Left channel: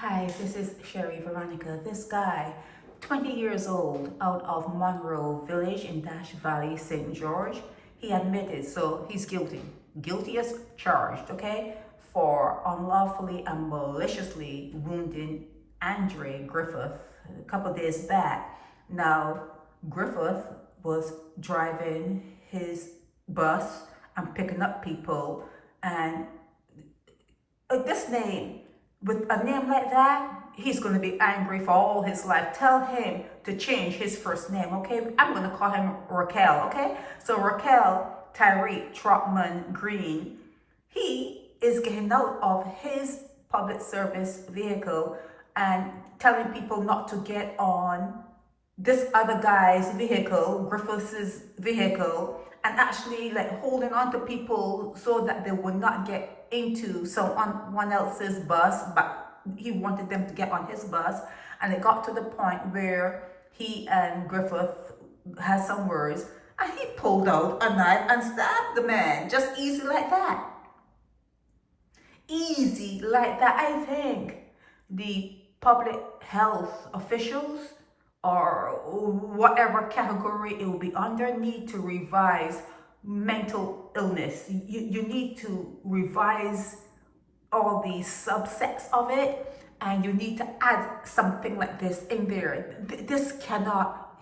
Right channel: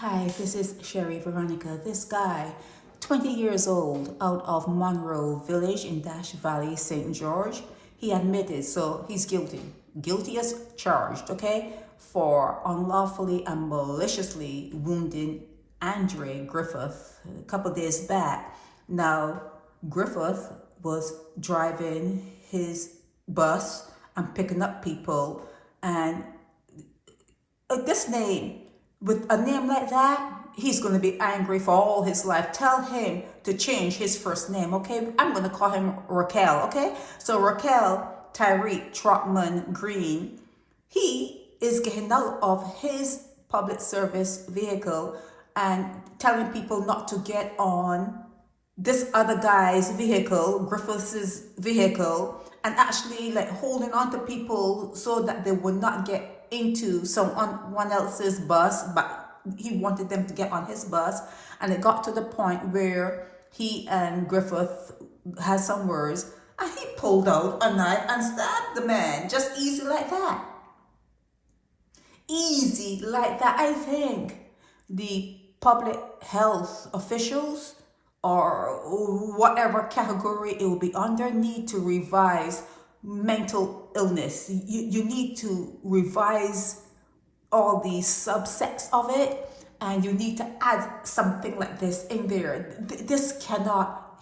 Hi, this is Sherry Veronica. This guy, 20 years old, out of Monroe Village in Dash Valley, St. George, he admitted, so he's guilty. Guilty as charged, okay, for unlawfully and maliciously wounding Andre Griffith a couple days back. Now, Griffith was driving his bus and picking up people, and this name, with a name like that, he's going to be angry for all his life. Tell him to change his first name, okay? I'm going to call him Raquel, okay? So Raquel, Tyrique, Trotman-Greene, he is getting out of his public service vehicle and telling people not to get on this other guy's vehicle, Griffith's vehicle, and actually like holding on to people so that they would not get into someone else's bus, but he wanted them to get on his bus. And it got to the point where he and Griffith had some words, and he pulled out a knife and stabbed the man, just easy like that. Easy like that. I think the public health officials, or whatever category it will be under, need to revise mental illness. You need to revise all the subsets of it, and you need to add something like this in there.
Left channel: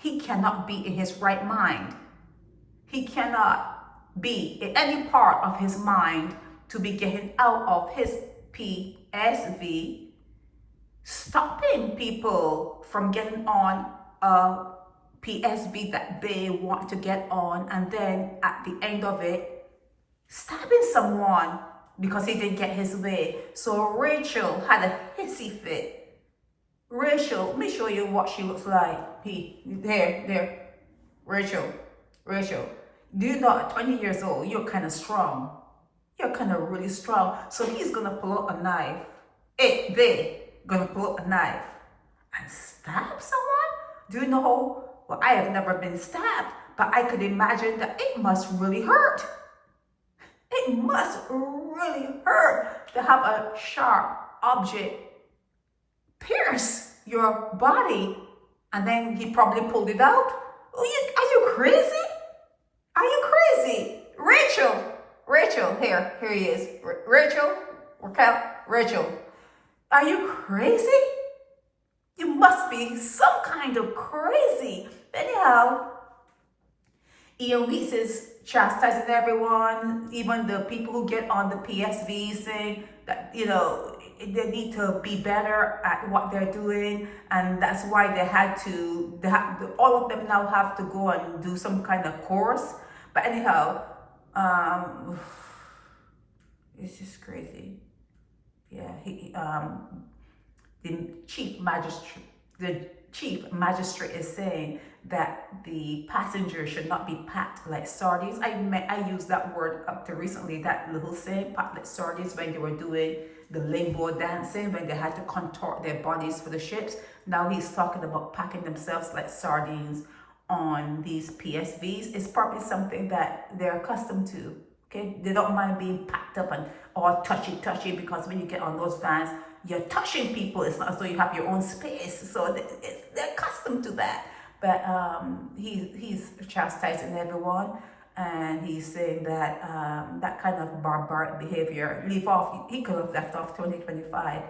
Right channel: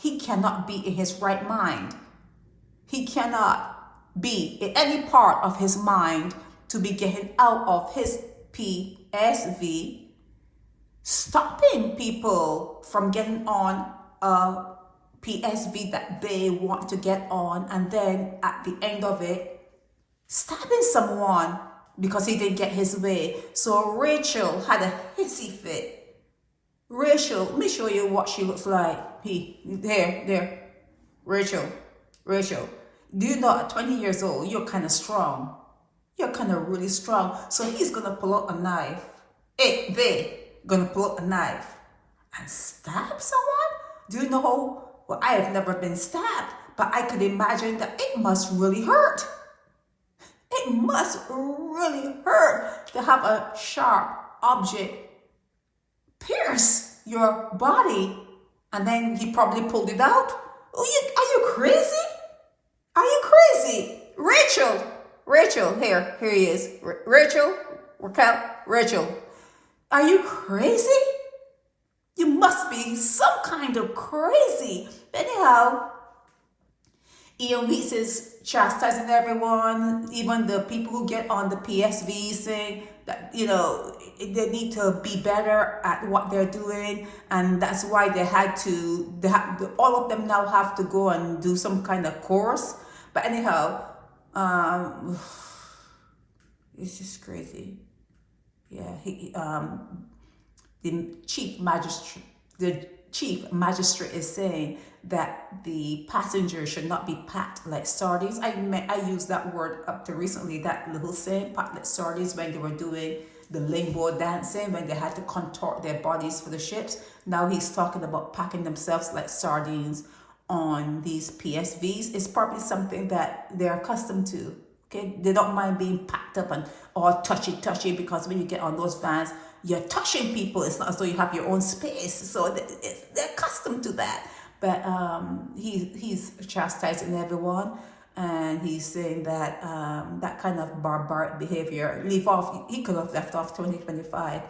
He cannot be in his right mind. He cannot be in any part of his mind to be getting out of his PSV, stopping people from getting on a PSV that they want to get on, and then at the end of it, stabbing someone because he didn't get his way. So Rachel had a hissy fit. Rachel, let me show you what she looks like. There. Rachel. Do you know at 20 years old, you're kind of strong. You're kind of really strong. So he's going to pull out a knife. They're going to pull out a knife and stab someone? Do you know? Well, I have never been stabbed, but I could imagine that it must really hurt. It must really hurt to have a sharp object pierce your body, and then he probably pulled it out. Are you crazy? Are you crazy? Rachel, here he is. Rachel, are you crazy? You must be some kind of crazy. Anyhow, Ian Weeks is chastising everyone, even the people who get on the PSV, saying that, they need to be better at what they're doing. And that's why all of them now have to go and do some kind of course. But anyhow, it's just crazy. Yeah, the chief magistrate is saying that the passengers should not be packed like sardines. I used that word up to recently, that little saying, packed like sardines, when they were doing the limbo dancing, when they had to contort their bodies for the ships. Now he's talking about packing themselves like sardines on these PSVs. It's probably something that they're accustomed to. Okay, they don't mind being packed up and all touchy, because when you get on those vans, you're touching people. It's not as though you have your own space. So they're accustomed to that. But he's chastising everyone, and he's saying that that kind of barbaric behavior, he could have left off 2025.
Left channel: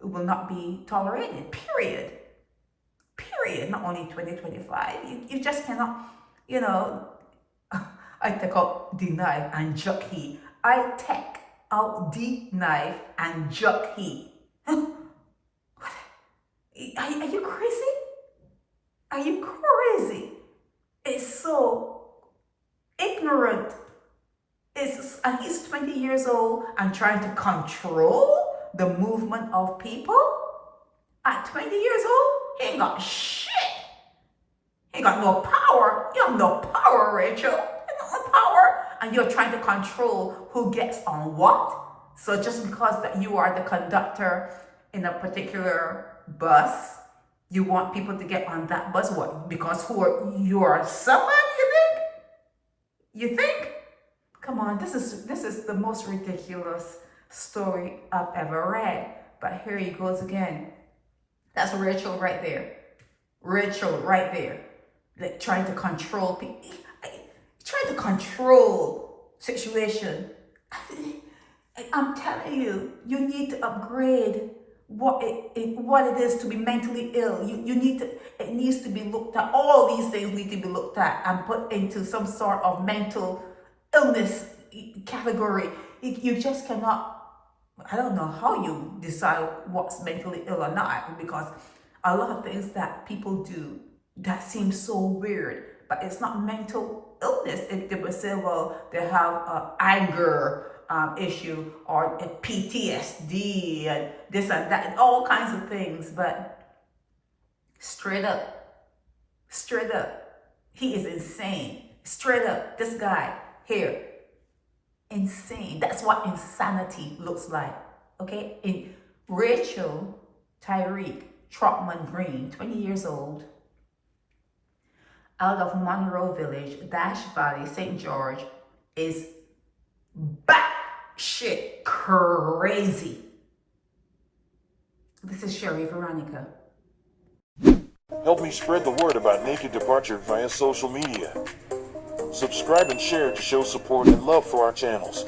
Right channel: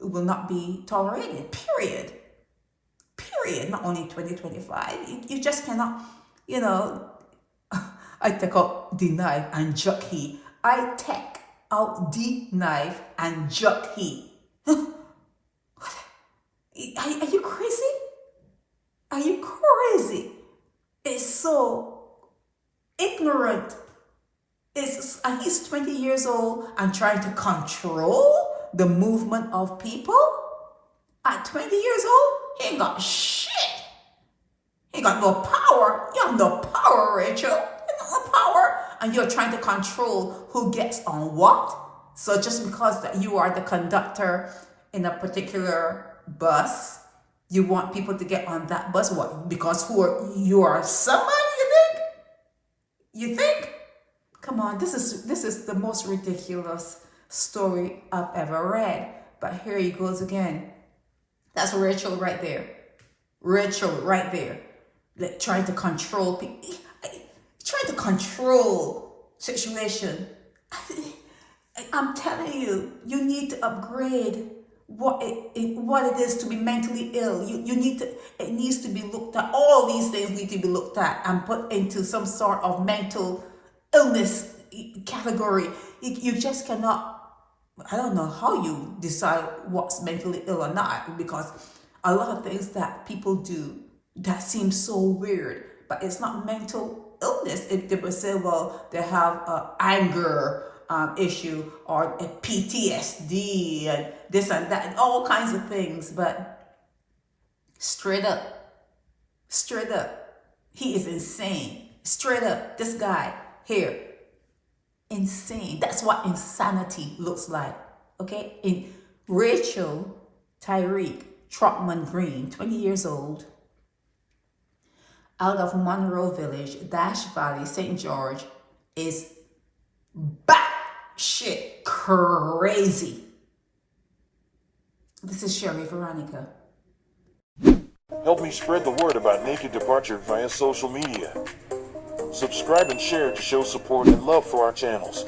It will not be tolerated, period. Not only 2025. You just cannot, I take out the knife and juck he. I take out the knife and juck he. Are you crazy? Are you crazy? It's so ignorant. And he's 20 years old and trying to control the movement of people. At 20 years old, he ain't got shit. He ain't got no power. You have no power, Rachel. You have no power. And you're trying to control who gets on what. So just because that you are the conductor in a particular bus, you want people to get on that bus? What? Because you are someone, you think? Come on, this is the most ridiculous story I've ever read. But here he goes again. That's Rachel right there. Rachel right there. Like, trying to control people. Trying to control situation. I'm telling you, you need to upgrade what it is to be mentally ill. It needs to be looked at. All these things need to be looked at and put into some sort of mental illness category. You just cannot, I don't know how you decide what's mentally ill or not, because a lot of things that people do that seem so weird, but it's not mental illness. If they would say, well, they have anger issue or a PTSD and this and that and all kinds of things, but straight up, he is insane. Straight up, this guy here, insane. That's what insanity looks like. Okay, in Rachel Tyrique Trotman-Greene, 20 years old, out of Monroe Village, Dash Valley, St. George, is batshit crazy. This is Sherry Veronica. Help me spread the word about Naked Departure via social media. Subscribe and share to show support and love for our channels.